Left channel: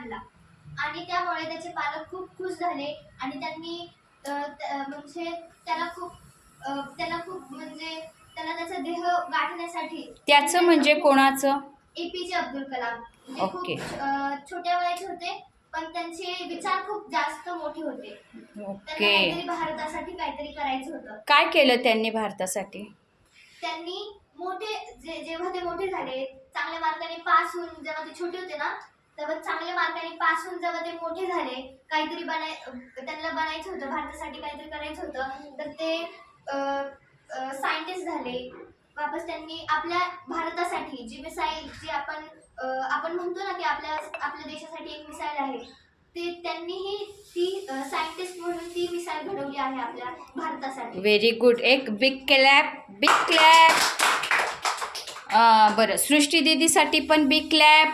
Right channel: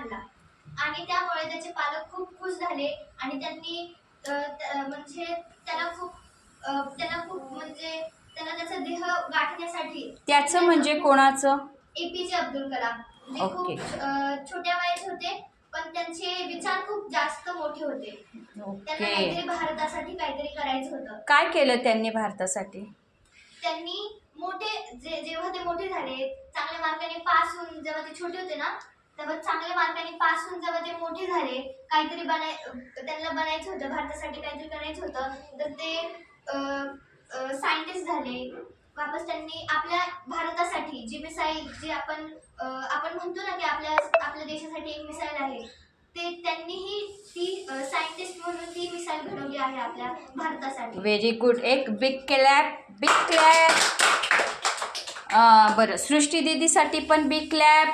आणला आणि त्यामुळे त्याचे पालक खूप खुश झाले आणि त्यांनी म्हणजे त्याला खूप म्हणजे त्याला त्याचा देह गाठण्यासाठी त्याचं म्हणजे कोणाचं? APJ अब्दुल कलाम. ते ओके. खूप छोट्या वयाचे होते पण त्यांचे विचार खूप जास्त मोठे होते. त्यांना ओके. काहीतरी भारतासाठी काहीतरी करायचं होतं. काय केलं त्यांनी भारतासाठी? त्यांनी जेव्हा ते मोठे झाले, चांगल्या मार्काने पास होऊन जेव्हा ते छोटे होते ना, तेव्हा चांगल्या मार्काने पास होऊन जेव्हा ते मोठे झाले, काहीतरी त्यांना बनायचं होतं, भारतासाठी काहीतरी करायचं होतं, तर ते सायंटिस्ट झाले. वापस त्यांनी आपल्या भारतासाठी जी मिसाईल जी आपण म्हणतो ना की आपल्या देशासाठी एक मिसाईल आहे, ते त्यांनीही ती सायंटिस्ट म्हणून ती मिसाईल घडवली आहे आपल्या भारतासाठी. Very good. एक बिग क्लॅप, बिग क्लॅप. बरं, सृष्टी दीदीसाठी पण बिग क्लॅप.